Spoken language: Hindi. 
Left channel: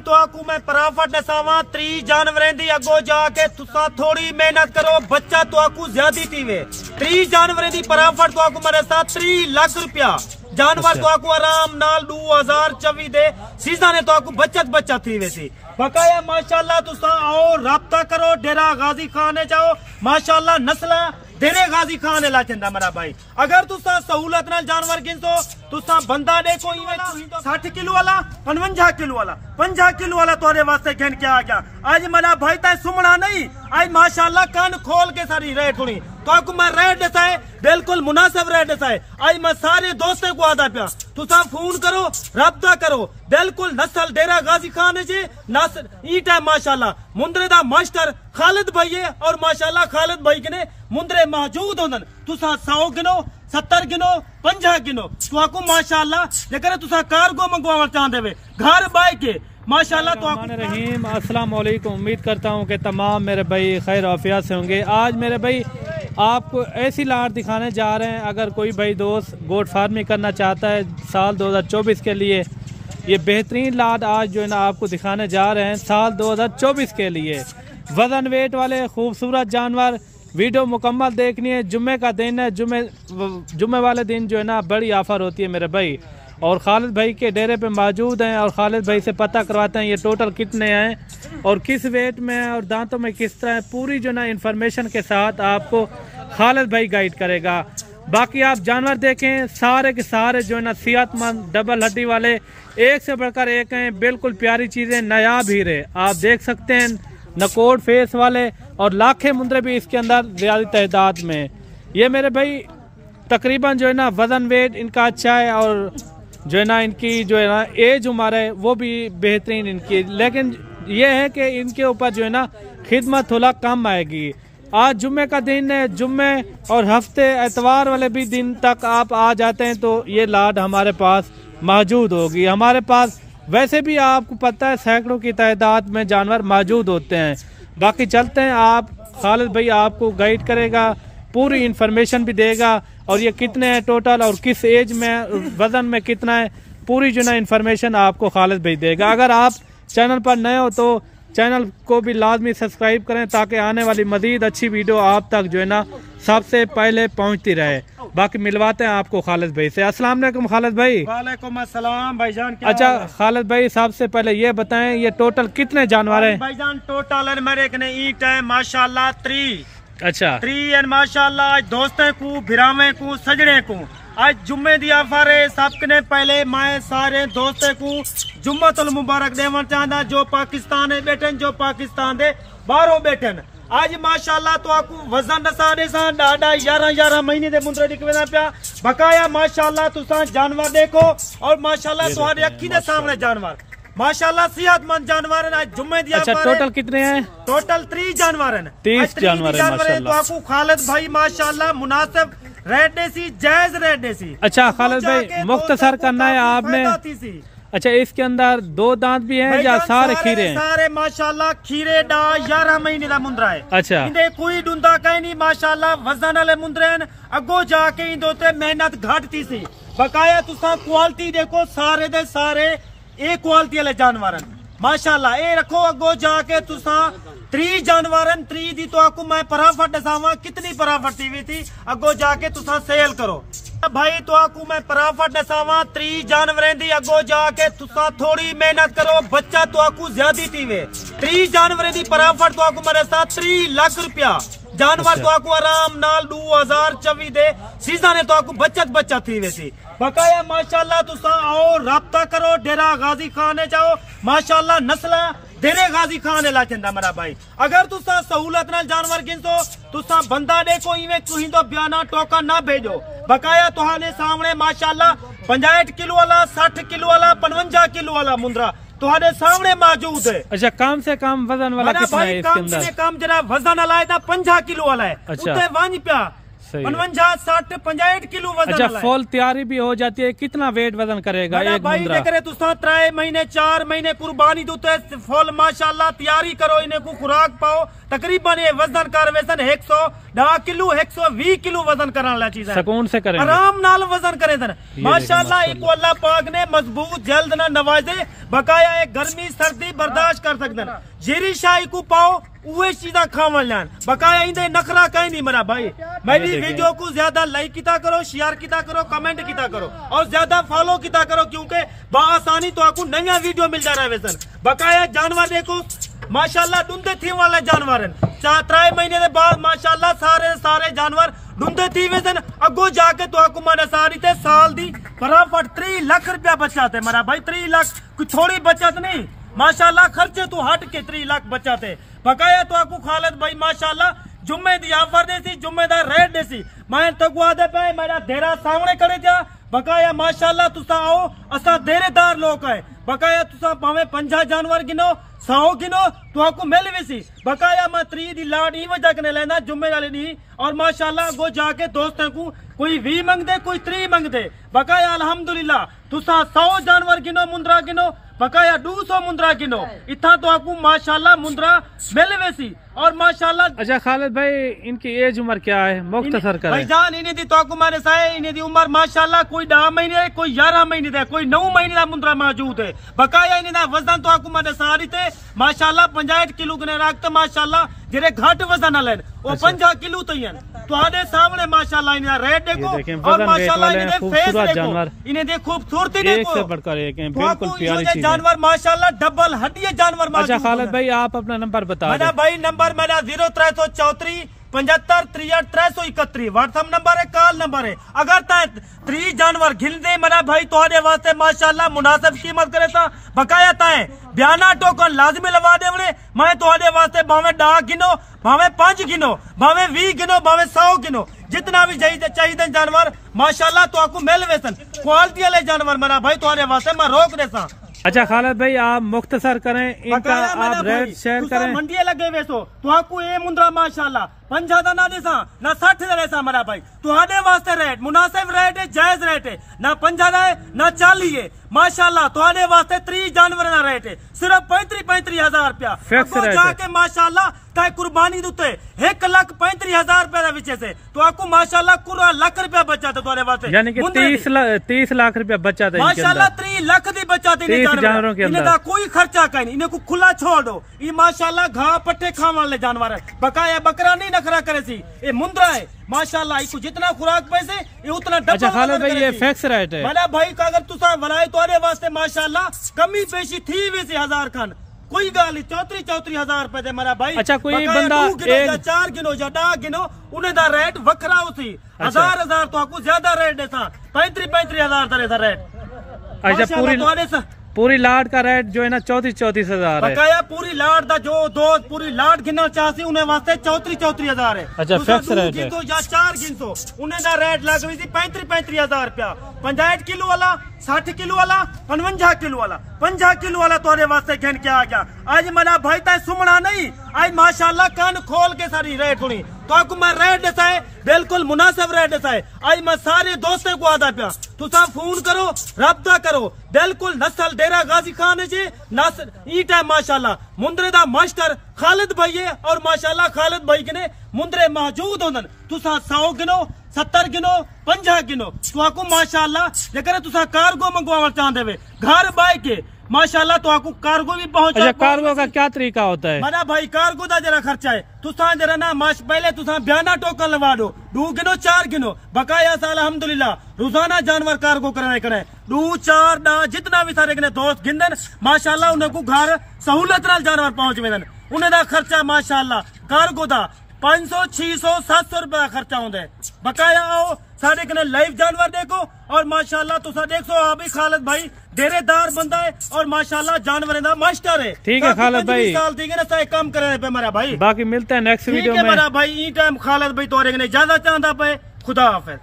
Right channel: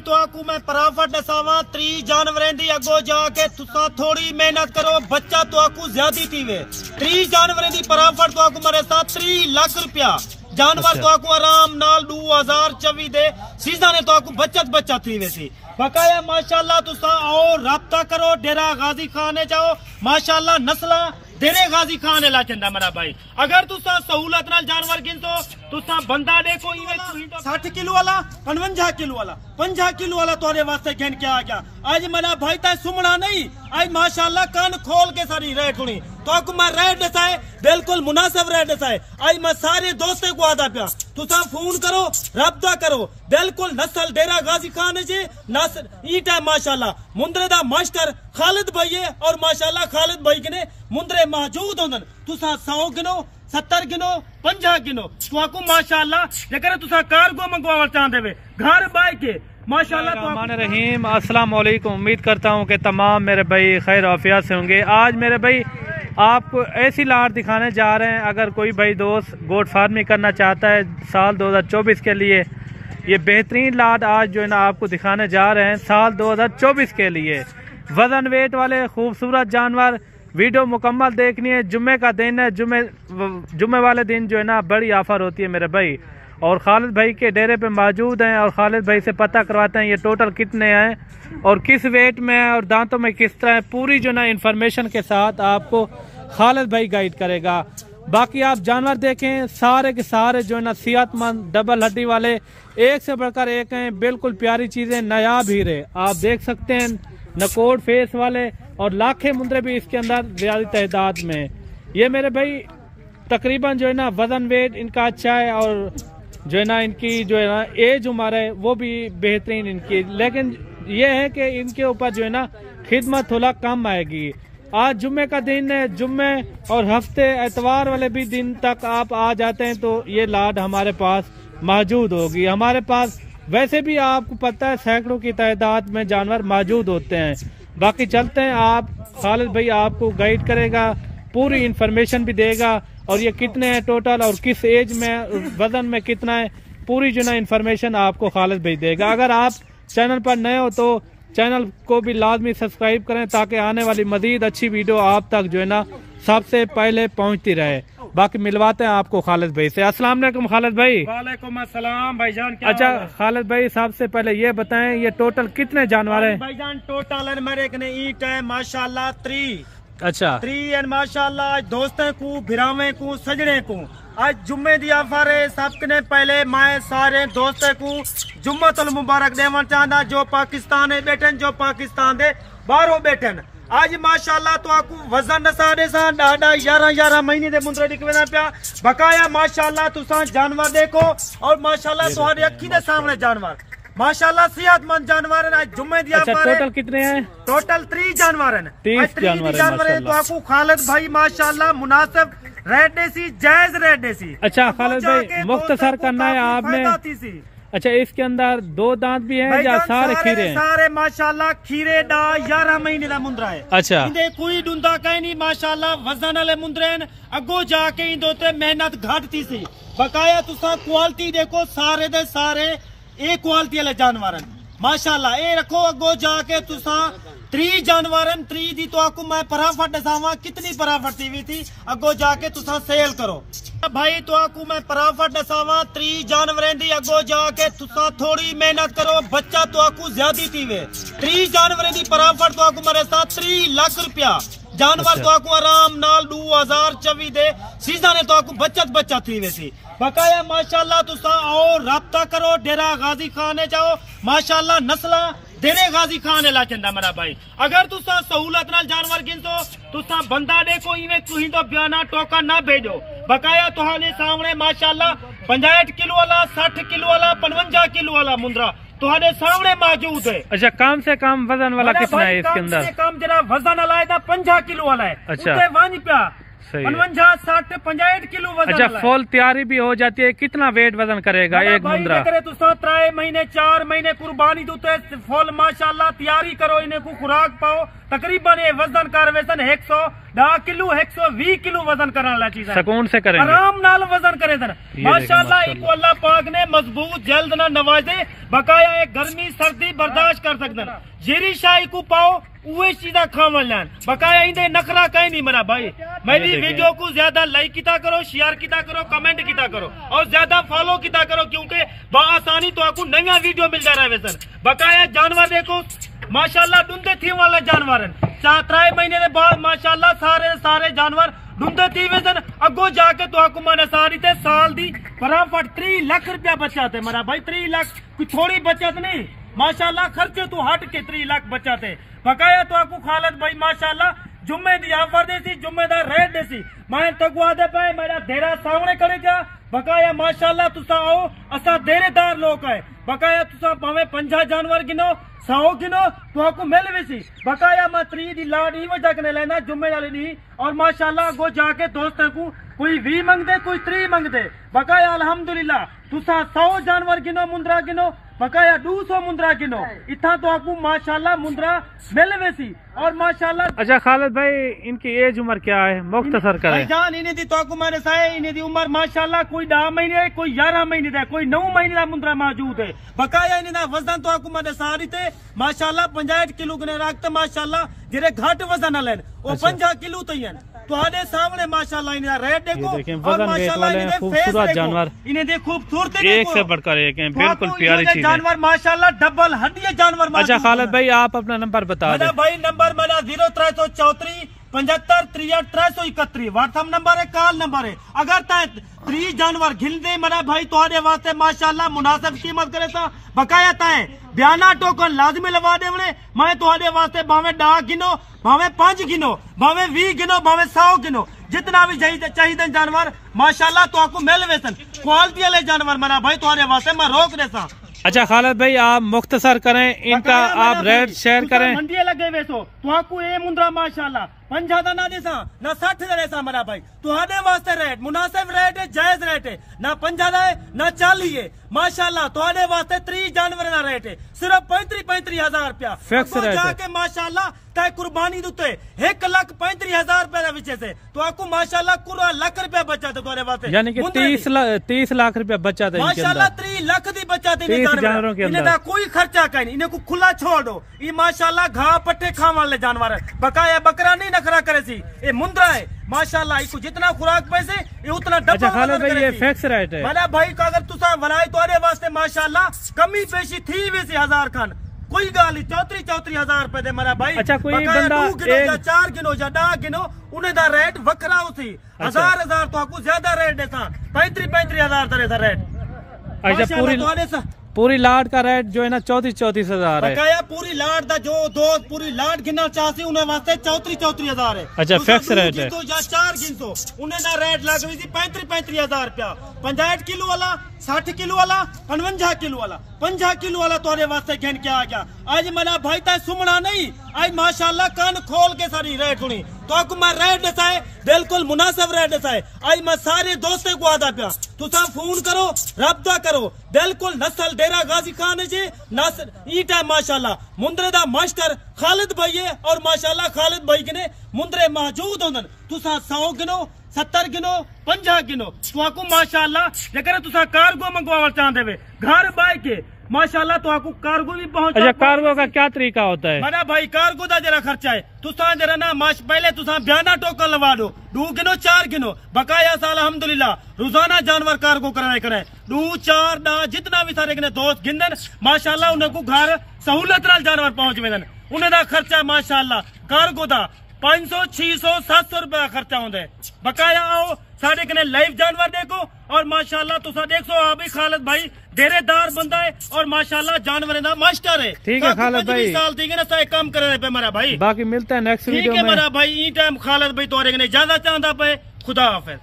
तो आपको मैं पराफट दसावा 30 जानवरें दी अगो जाके तुसा थोड़ी मेहनत करो बच्चा तो आपको ज्यादा थी 30 जानवरें दी पराफट तो आपको मेरे साथ 3 लाख रुपया जानवर तो आपको आराम नाल 2024 दे सीधा ने तो आपको बचत थी वैसी बकाया माशाल्लाह तुसा आओ राब्ता करो डेरा गाजी खाने जाओ माशाल्लाह नस्ल डेरे गाजी खान ला चंदा मेरा भाई अगर तुसा सहूलत नाल जानवर गिनतो तुसा बंदा देखो 60 किलो वाला 55 किलो वाला 50 किलो वाला तोरे वास्ते गिन के आ गया आज मेरा भाई ता सुमना नहीं आज माशाल्लाह कान खोल के सारी रेट सुनी तो आपको मैं रेट दसाए बिल्कुल मुनासिब रेट दसाए आज मैं सारे दोस्तों को आदा पिया तुसा फोन करो राब्ता करो बिल्कुल नस्ल डेरा गाजी खान जी नस्ल ई टाइम माशाल्लाह मुंदरे दा मास्टर खालिद भाई है और माशाल्लाह खालिद भाई के मुंदरे मौजूद होंदन तुसा 100 गिनो 70 गिनो 50 गिनो तो आपको माशाल्लाह जेकर तुसा कार्गो मंगवाना चाहते वे घर बाय के माशाल्लाह तो रहीम अस्सलाम वालेकुम। उम्मीद करता हूँ कि तमाम मेरे भाई खैर आफियत से होंगे। आज मेरे भाई आपको ऐसी लाट दिखाने जा रहे हैं अगर कोई भाई दोस्त गोट फार्मिंग करना चाहता है साल 2024 के लिए ये बेहतरीन लाट आज जो है ना आपको दिखाने जा रहे हैं साल 2024 के लिए वजन वेट वाले खूबसूरत जानवर। वीडियो मुकम्मल देखनी है। जुम्मे का दिन है, जुम्मे वाले दिन जो है ना बड़ी ऑफर होती है मेरे भाई और खालिद भाई के डेरे पे मौजूद हैं और खालिद भाई से पता करवाते हैं ये टोटल कितने हैं और किस वेट में है और दांतों में किस तरह है। पूरी जो ना इन्फॉर्मेशन के साथ आपको खालिद भाई गाइड करेगा। बाकी आप जानवर देखें सारे के सारे जो है ना सेहतमंद डबल हड्डी वाले एक से बढ़कर एक हैं। बिल्कुल प्यारी चीजें नायाब हीरे आप देख सकते हैं नकोड़ फेस वाले और लाखे मुंदरे भी इसके अंदर ज्यादा तादाद में। ये मेरे भाई तकरीबन जो है ना वजन वेट इनका अच्छा है और जो है ना इनकी जो है ना एज उम्र है वो भी बेहतरीन इनकी, लेकिन ये है कि इनके ऊपर जो है ना खिदमत थोड़ा कम आएगी। आज जुम्मे का दिन है, जुम्मे और हफ्ते एतवार वाले भी दिन तक आप आ जाते हैं तो ये लाट हमारे पास मौजूद होगी। हमारे पास वैसे भी आपको पता है सैकड़ों की तादाद में जानवर मौजूद होते हैं। बाकी चलते हैं, आप खालिद भाई आपको गाइड करेगा, पूरी इन्फॉर्मेशन भी देगा और ये कितने हैं टोटल और किस एज में वजन में कितना है पूरी जो ना इन्फॉर्मेशन आपको खालिद भाई देगा। अगर आप चैनल पर नए हो तो चैनल को भी लाजमी सब्सक्राइब करें ताकि आने वाली मजीद अच्छी वीडियो आप तक जो है ना सबसे पहले पहुंचती रहे। बाकी मिलवाते हैं आपको खालिद भाई से। अस्सलाम वालेकुम खालिद भाई। वालेकुम अस्सलाम भाईजान। अच्छा खालिद भाई सबसे पहले ये बताएं ये टोटल कितने जानवर हैं? भाईजान टोटल मेरे कने ईट है माशाल्लाह 3। अच्छा 3 एंड माशाल्लाह दोस्तों को भिरावे को सजने को आज जुम्मे दी ऑफर है। सबने पहले मैं सारे दोस्तों को जुम्मतुल मुबारक देना चाहता जो पाकिस्तान है बैठन जो पाकिस्तान दे बाहरों बैठन। आज माशाल्लाह तो आपको वजन साढ़े डाडा 11 महीने दे मुंदरे निकलना पिया बकाया माशाल्लाह तुसा जानवर देखो और माशाल्लाह तुम्हारी अखी दे सामने जानवर माशाल्लाह सेहतमंद जानवर है। आज जुम्मे दिया। अच्छा टोटल कितने हैं? टोटल 30 जानवर हैं। 30 जानवर हैं तो आपको खालिद भाई माशाल्लाह मुनासिब रेट देसी जायज रेट देसी। अच्छा खालिद भाई मुख्तसर करना है आपने। अच्छा इसके अंदर 2 दांत भी हैं या सारे खीरे हैं? सारे माशाल्लाह खीरे डा 11 महीने का मुंदरा है। अच्छा इंदे कोई डूंदा कहीं नहीं माशाल्लाह वजन वाले मुंदरे हैं। अगो जाके इंदे मेहनत घटती सी बकाया तुसा क्वालिटी देखो सारे दे सारे ए क्वालिटी वाले जानवर माशाल्लाह। ए रखो अगो जाके तुसा 3 जानवर 3 दी तो आपको मैं पराफट दसावा कितनी पराफट थी अगो जाके तुसा सेल करो भाई तो आपको मैं पराफट दसावा 3 जानवरें दी अगो जाके तुसा थोड़ी मेहनत करो बच्चा तो आपको ज्यादा थी 3 जानवरें दी पराफट तो आपको मेरे साथ 3 लाख रुपया जानवर तो आपको आराम नाल 2024 दे सीधा ने तो आपको बचत थी वैसी बकाया माशाल्लाह तुसा आओ राब्ता करो डेरा गाजी खाने जाओ माशाल्लाह नस्ल डेरे गाजी खान ला चंदा मेरा भाई। अगर तुसा सहूलत नाल जानवर गिनतो तुसा बंदा देखो इवें तुही तो बयाना टोकन ना भेजो बकाया तुहाने सामने माशाल्लाह 65 किलो वाला 60 किलो वाला 55 किलो वाला मुंदरा तुम्हारे सामने मौजूद है। अच्छा कम से कम वजन वाला कितना है इसके अंदर? कम से कम जरा वजन वाला है 50 किलो वाला है। अच्छा सही है। 55, 60, 65 किलो वजन। अच्छा, फुल तैयारी भी हो जाती है। कितना वेट वजन करेगा एक मुंद्रा? करे तो 3 महीने 4 महीने कुर्बानी दूते फुल माशाल्लाह तैयारी करो, इन्हें को खुराक पाओ। तकरीबन ये वजन कर वेसन 110 किलो 120 किलो वजन करने वाला चीज है। सुकून से करेंगे, आराम नाल वजन करे सन माशाल्लाह। इको अल्लाह पाक ने मजबूत जल्द ना नवाजे, बकाया एक गर्मी सर्दी बर्दाश्त कर सकते। जीरी शाही को पाओ उहे चीजा खावन लान, बकाया इंदे नखरा कहीं नहीं मरा भाई। मेरी वीडियो को ज्यादा लाइक किता करो, शेयर किता करो, कमेंट किता करो और ज्यादा फॉलो किता करो, क्योंकि बआसानी तो आपको नया वीडियो मिल जा रहा है वेसन। बकाया जानवर देखो माशाल्लाह डूंदे थी वाले जानवर 3 महीने के बाद माशाल्लाह सारे जानवर डूंदे थी वेसन। अगो जाके तो आपको मैंने सारी थे साल दी फटाफट 3 लाख रुपया बचाते मरा भाई। 3 लाख कोई थोड़ी बचत नहीं माशाल्लाह, खर्चे तो हट के 3 लाख बचाते। बकाया तो आपको खालद भाई माशाल्लाह जुम्मे दी ऑफर देसी, जुम्मेदार रेट देसी। मैं तो आदे पे मेरा देरा सामने करे जा। बकाया माशाल्लाह तुसा आओ, असा देरेदार लोग है। बकाया तुसा भावे 50 जानवर गिनो 100 गिनो तो आपको मिल वेसी। बकाया मैं 3 दी लाड ई वजह कने लेना जुम्मे वाले नहीं। और माशाल्लाह गो जाके दोस्तों को कोई 20 मंगदे कोई 3 मंगदे। बकाया अल्हम्दुलिल्लाह तुसा 100 जानवर गिनो मुंद्रा गिनो, बकाया 200 मुंद्रा गिनो, इतना तो आपको माशाल्लाह मुंद्रा मिल वेसी। और माशाल्लाह अच्छा खालिद भाई, इनकी एज उम्र क्या है? मुख्तसर करें भाईजान। इन्हें दी तो आपको मैंने साए इन्हें दी उम्र माशाल्लाह कोई 10 महीने कोई 11 महीने दे कोई 9 महीने का मुंद्रा मौजूद है। बकाया इन्हें दा वजन तो आपको मैंने सारी थे माशाल्लाह 65 किलो ने रखते माशाल्लाह, जेरे घट वजन लेन वो 50 किलो तयन तो सामने माशाल्लाह इन्हें रेट देखो और माशाल्लाह इन्हें फेस देखो, इन्हें देख खूबसूरती देखो, एक से बढ़कर एक है, बिल्कुल प्यारी चीज है जानवर माशाल्लाह डबल हड्डी जानवर। अच्छा खालिद भाई, आप अपना नंबर बता दें भाई। नंबर मेरा 0334 75 63 331 व्हाट्सएप नंबर है, कॉल नंबर है। अगर 3 जानवर घिल दे मना भाई तो वास्ते माशाल्लाह मुनासिब कीमत करे था। बकाया ताए बयाना टोकन लाजमी लगा दे मैं तो वास्ते भावे 10 गिनो भावे 5 गिनो भावे 20 गिनो भावे 100 गिनो, जितना भी चाहिए जानवर माशाल्लाह तो आपको मिल वेसन। क्वालिटी वाले जानवर मना भाई तो वास्ते मैं रोक देता। अच्छा खालिद भाई, आप मुख्तसर करें, इनका आप रेट शेयर करें। मंडी लगे वैसो तो आपको ये मुंद्रा माशाल्लाह 50 ना देसा ना 60 देसा मरा भाई तो आधे वास्ते रेट मुनासिब रेट है, जायज रेट है, ना 50 है ना 40 है माशाल्लाह। तो आधे वास्ते 3 जानवर ना रेट है सिर्फ 35 हजार रुपया फिक्स रेट जाके माशाल्लाह तय कुर्बानी दूते 1,35,000 रुपया विचे से तो आपको माशाल्लाह पूरा लाख रुपया बचा था तुम्हारे वास्ते, यानी कि 30 लाख रुपया बचा था माशाल्लाह। 3 लाख दी बचा थे जानवरों के अंदर, कोई खर्चा कहीं इन्हें को खुला छोड़ दो। ये माशाल्लाह घाह पट्टे खाने वाले जानवर है। बकाया बकरा नहीं नखरा करे सी, ये मुंद्रा है माशाल्लाह। इसको जितना खुराक पैसे ये उतना डबल। अच्छा खालिद भाई, ये फिक्स रेट है मैंने भाई का अगर तुसा वलाई तो वास्ते माशाल्लाह कमी पेशी थी वैसे 1000 खान कोई गाली 34 हजार रुपए दे मेरा भाई। अच्छा कोई बंदा 4 गिनो या 10 गिनो उन्हें दा रेट वखरा उसी 1000 तो आपको ज्यादा रेट देता 35 हजार तरह सा रेट। अच्छा पूरी लाट का रेट जो है ना 34 हजार है। बकाया पूरी लाट का जो दो पूरी लाट गिनो चाहती उन्हें वास्ते 34 हजार है। अच्छा फिक्स रेट है। तो या 4 गिनसो उन्हें दा रेट लग रही थी 35 हजार रुपया। 65 किलो वाला 60 किलो वाला 55 किलो वाला 50 किलो वाला तोरे वास्ते घेन के आ गया। आज मना भाई ता सुमना नहीं, आज माशाल्लाह कान खोल के सारी रेट सुनी तो आपको मैं रेट देता है बिल्कुल मुनासिब रेट देता है। आज मैं सारे दोस्तों को आदा पिया तो सब फोन करो रब्ता करो बिल्कुल नस्ल डेरा गाजी खान जी नस्ल ई टाइम माशाल्लाह मुंद्रे दा मास्टर खालिद भाई है और माशाल्लाह खालिद भाई के मुंद्रे मौजूद होंदन। तुसा 100 गिनो 70 गिनो 50 गिनो तो आपको माशाल्लाह जेकर तुसा कार्गो मंगवाना चाहते वे घर बाय के माशाल्लाह तो आपको कार्गो भी पहुंचा। अच्छा कार्गो का क्या तरीका होता है? मना भाई कार्गो का जरा खर्चा है तुसा जरा ना पहले तुसा बयाना टोकन लगा दो 2 गिनो 4 गिनो बकाया साल अल्हम्दुलिल्लाह रोजाना जानवर कार्गो कराए करे 2 4 ना जितना भी सारे दोस्त गिनदन माशाल्लाह उन्हें को घर सहूलत नाल जानवर पहुंच वेदन। उन्हें दा खर्चा माशाल्लाह कार्गो दा 500 600 700 रुपए का खर्चा होंगे। बकाया आओ सारे कने लाइव जानवर देखो और माशाल्लाह तुसा देखो आप भी खालिद भाई डेरेदार बंदा है और माशाल्लाह जानवर का मास्टर है। ठीक है खालिद भाई, साल ठीक है ना सही काम करे पे मेरा भाई। बाकी मिलते हैं नेक्स्ट वीडियो में मेरा भाई ई टाइम खालिद भाई तोरे कने ज्यादा चाहता पे। खुदा हाफिज।